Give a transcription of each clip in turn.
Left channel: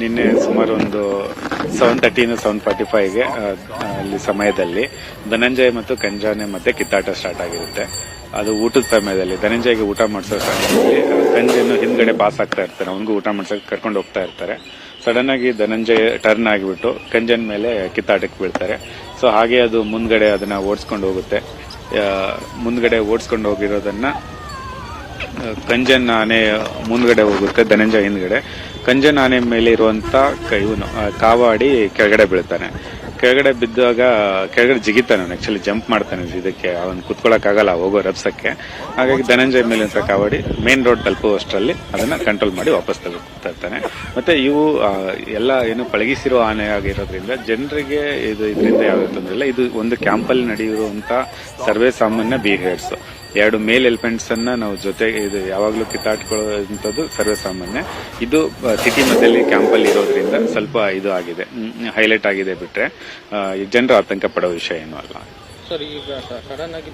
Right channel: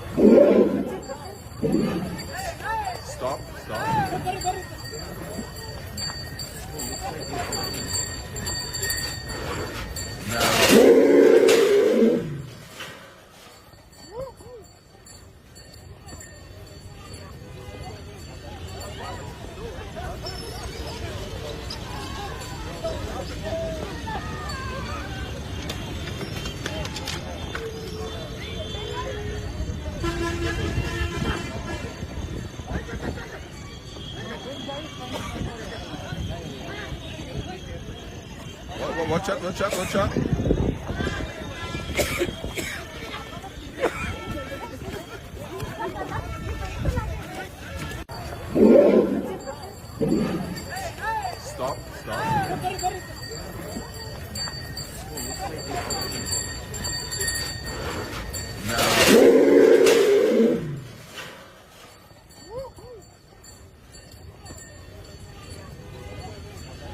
ನಿನ್ನೆ ಸುಮಾರು ಒಂದು ಸೆವೆನ್ ತರ್ಟಿಯಿಂದ ಸೆವೆನ್ ಫಾರ್ಟಿ ಫೈವ್ಗೆ ಅಲ್ಲಿ ಸಮಯದಲ್ಲಿ ಧನಂಜಯ ಮತ್ತು ಕಂಜಾನೆ ಮತ್ತೆ ಕಿತ್ತಾಟ ಸ್ಟಾರ್ಟ್ ಆಗಿರುತ್ತೆ. ಅದು ಊಟದ ಸಮಯದಲ್ಲಿ, ಧನಂಜಯಗೆ ಊಟ ಮಾಡಿಸೋ ಕಂಜನು ಹಿಂದ್ಗಡೆ ಪಾಸ್ ಆಗ್ತಾ ಇರ್ತಾರೆ ಅವನಿಗೂ ಊಟ ಮಾಡ್ಸೋಕೆ ಕರ್ಕೊಂಡು ಹೋಗ್ತಾ ಇರ್ತಾರೆ. ಸಡನ್ ಆಗಿ ಧನಂಜಯ ಟರ್ನ್ ಆಗಿಬಿಟ್ಟು ಕಂಜನ್ ಮೇಲೆ ಕಿತ್ತಾಟಕ್ಕೆ ಬೀಳ್ತಾರೆ. ಸೊ ಹಾಗೆ ಅದು ಮುಂದ್ಗಡೆ ಅದನ್ನ ಓಡಿಸ್ಕೊಂಡು ಹೋಗುತ್ತೆ. ಮುಂದ್ಗಡೆ ಓಡಿಸ್ಕೊಂಡು ಹೋಗಿರೋದನ್ನ ಕಂಜನ್ ಆನೆ ಮುಂದ್ಗಡೆ ಹೋಗುತ್ತೆ, ಧನಂಜಯ ಹಿಂದ್ಗಡೆ. ಕಂಜನ್ ಆನೆ ಮೇಲೆ ಇರುವಂತ ಇವನು ಕಾವಾಡಿ ಕೆಳಗಡೆ ಬೀಳ್ತಾನೆ. ಕೆಳಗಡೆ ಬಿದ್ದಾಗ, ಕೆಳಗಡೆ ಜಿಗಿತಾನೆ ಆಕ್ಚುಲಿ ಜಂಪ್ ಮಾಡ್ತಾನೆ ಇದಕ್ಕೆ ಅವನು ಆಗಲ್ಲ ಹೋಗೋ ರಬ್ಸಕ್ಕೆ ಹಾಗಾಗಿ ಧನಂಜಯ ಮೇಲೆ ಅಂತ ಕಾವಾಡಿ ಮೇನ್ ರೋಡ್ ತಲುಪುವಷ್ಟರಲ್ಲಿ ಅದನ್ನ ಕಂಟ್ರೋಲ್ ಮಾಡಿ ವಾಪಸ್ ತರ್ತಾನೆ. ಮತ್ತೆ ಇವು ಎಲ್ಲ ಏನು ಪಳಗಿಸಿರೋ ಆನೆ ಆಗಿರೋದ್ರಿಂದ ಜನರಿಗೆ ಇದು ಇದರಿಂದ ಯಾವ ಇದು ಒಂದು ಕ್ಯಾಂಪಲ್ಲಿ ನಡೆಯುವಂತ ಸರ್ವೇ ಸಾಮಾನ್ಯ ಬಿಹೇವಿಯರ್ಸ್ ಎರಡು ಮೇಲ್ ಎಲಿಫೆಂಟ್ಸ್ ಅನ್ನ ನಾವು ಜೊತೆ ಇದು ಯಾವಾಗಲೂ ಕಿತ್ತಾಡ್ಕೊಳ್ಳುವಂಥದ್ದು ಸರ್ವೇ ಸಾಮಾನ್ಯ ಇದು ಸಿಟಿ ಮಧ್ಯದಲ್ಲಿ ಕ್ಯಾಂಪಲ್ಲಿ ಇರೋದ್ರಿಂದ ಸ್ವಲ್ಪ ಇದು ಆಗಿದೆ. ಹೈಲೈಟ್ ಆಗಿದೆ ಬಿಟ್ರೆ ಈ ಜನರು ಆತಂಕ ಪಡೋ ವಿಷಯ ಏನೂ ಅಲ್ಲ. ಸರ್ ಈಗ ಸಡನ್ ಆಗಿ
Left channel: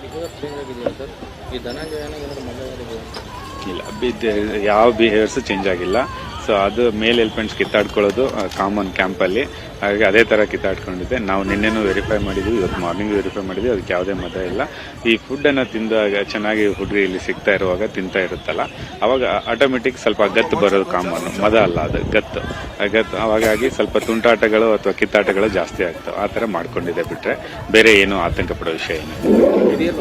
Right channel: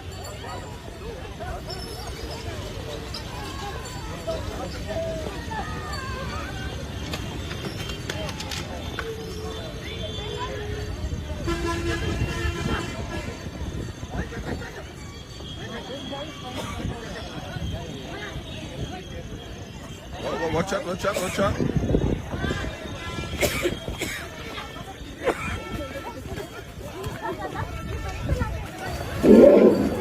ಇಲ್ಲ ಯಾವ ಬಿಹೇವಿಯರ್ಸ್ ಚೇಂಜ್ ಆಗಿಲ್ಲ. ಸೊ ಅದು ಮೇಲ್ ಎಲಿಫೆಂಟ್ಸ್ ಕಿತ್ತಾಡ್ಕೊಳ್ಳೋದು ಕಾಮನ್ ಕ್ಯಾಂಪಲ್ಲಿ ಹಾಗಾಗಿ ಅದೇ ಥರ ಕಿತ್ತಾಡ್ಕೊಂಡಿದ್ದೆ. ನಾವು ನಿನ್ನೆನೂ ವೆರಿಫೈ ಮಾಡಿದ್ವಿ, ಇವತ್ತು ಮಾರ್ನಿಂಗ್ ವೆರಿಫೈ ಮಾಡಿದ್ವಿ, ಅದಕ್ಕೆ ಯಾವುದೇ ಮತ ಇಲ್ಲ. ಈ ಫುಡ್ಡನ್ನು ತಿಂದಾಗ ಚೆನ್ನಾಗಿ ಹುಡುಗಿ ಇಲ್ಲಿ ಸಿಗ್ತಾ ಇರುವಾಗ ತಿಂತಾ ಇರುತ್ತಲ್ಲ, ಅವಾಗ ಆಟೋಮೆಟಿಕ್ ಸ್ವಲ್ಪ ಗತ್ತು ಬರೋದು ಕಾಮನ್ ಮದ ಅಲ್ಲ ಅದು, ಗತ್ತು. ಗತ್ತು ಅವಾಗಾಗಿ ಸ್ವಲ್ಪ ತುಂಟಾಟಗಳು ಅಥವಾ ಕಿತ್ತಾಟಗಳು ಜಾಸ್ತಿ ಆಗ್ತವೆ. ಆ ಥರ ಮಾಡ್ಕೊಂಡಿದೆ ಬಿಟ್ಟರೆ ಬೇರೆ ಏನು ಆತಂಕ ಪಡೋ ವಿಷಯ ಏನು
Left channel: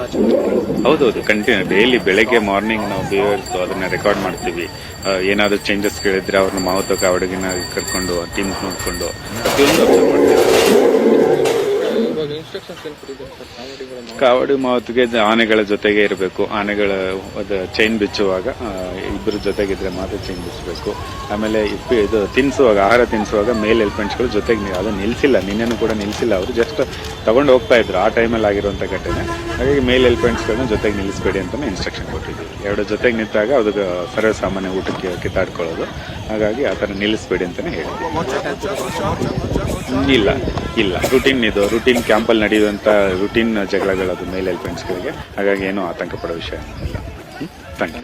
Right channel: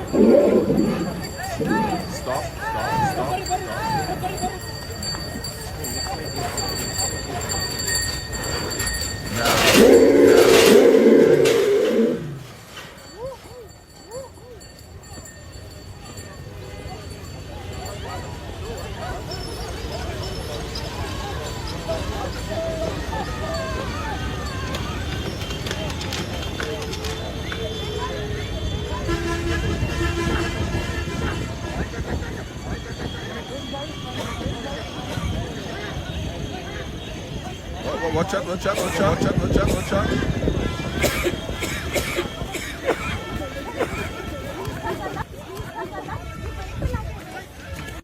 ಹೌದೌದು ಕಂಟಿನ್ಯೂ ಡೈಲಿ ಬೆಳಗ್ಗೆ ಮಾರ್ನಿಂಗ್ ನಾವು ಅದನ್ನ ರೆಕಾರ್ಡ್ ಮಾಡ್ತೀವಿ. ಏನಾದ್ರು ಚೇಂಜಸ್ ಕೇಳಿದ್ರೆ ಅವ್ರನ್ನ ಮಾವುತ ಕಾವಡಿಗಿನ ಕರ್ಕೊಂಡು ಟೀಮ್ ನೋಡ್ಕೊಂಡು ಕಾವಡಿ ಮಾವುತಿಗೆ ಆನೆಗಳ ಜೊತೆಗೆ ಇರಬೇಕು. ಆನೆಗಳ ಅದು ಚೈನ್ ಬಿಚ್ಚುವಾಗ ಇಬ್ಬರ ಜೊತೆಗಿದ್ರೆ ಮಾತ್ರ ಚೈನ್ ಬಿಚ್ಚಬೇಕು. ಆಮೇಲೆ ಇಪ್ಪು, ಇದು ತಿನ್ನಿಸುವಾಗ ಆಹಾರ ತಿನ್ನಿಸುವಾಗ ಮೇಲ್ ಎಲಿಫೆಂಟ್ಸ್ಗಳು ಜೊತೆಗೆ ಅದು ನಿಲ್ಸಿಲ್ಲ. ನಿನ್ನೆನೂ ಕೂಡ ನಿಲ್ಸಿಲ್ಲ. ಅವರು ಜಸ್ಟ್ ತಗೊಂಡು ಹೋಗ್ತಾ ಇದ್ರು. ಆ ಟೈಮಲ್ಲಿ ಆಗಿರುವಂಥ ಘಟನೆ. ಹಾಗಾಗಿ ಮೇಲ್ ಎಲಿಫೆಂಟ್ಸ್ಗಳನ್ನ ಜೊತೆಗೆ ನಿಲ್ಲಿಸಬೇಡಿ ಅಂತ ಇನ್ಸ್ಟ್ರಕ್ಷನ್ ಕೊಟ್ಟಿದ್ವಿ ಎರಡು ಜೊತೆಗೆ ನಿಂತಾಗ ಅದು ಸರ್ವಸಾಮಾನ್ಯ ಊಟಕ್ಕೆ ಕಿತ್ತಾಡ್ಕೊಳ್ಳೋದು. ಹಾಗಾಗಿ ಆ ಥರ ನಿಲ್ಲಿಸಬೇಡಿ ಅಂತಲೇ ಹೇಳಿ ಇಲ್ಲ ಇಲ್ಲ. ರುಟೀನ್ ಇದು. ರುಟೀನ್ ಕ್ಯಾಂಪಲ್ಲಿ ನಡೆಯುವಂಥ ರುಟೀನ್ ಜಗಳಗಳು ಅದು ಮೇಲ್ ಎಲಿಫೆಂಟ್ಸ್ಗಳಿಗೆ ಹಾಗಾಗಿ ಏನೂ ಆತಂಕ ಪಡೋ ವಿಷಯ ಥ್ಯಾಂಕ್ ಯು.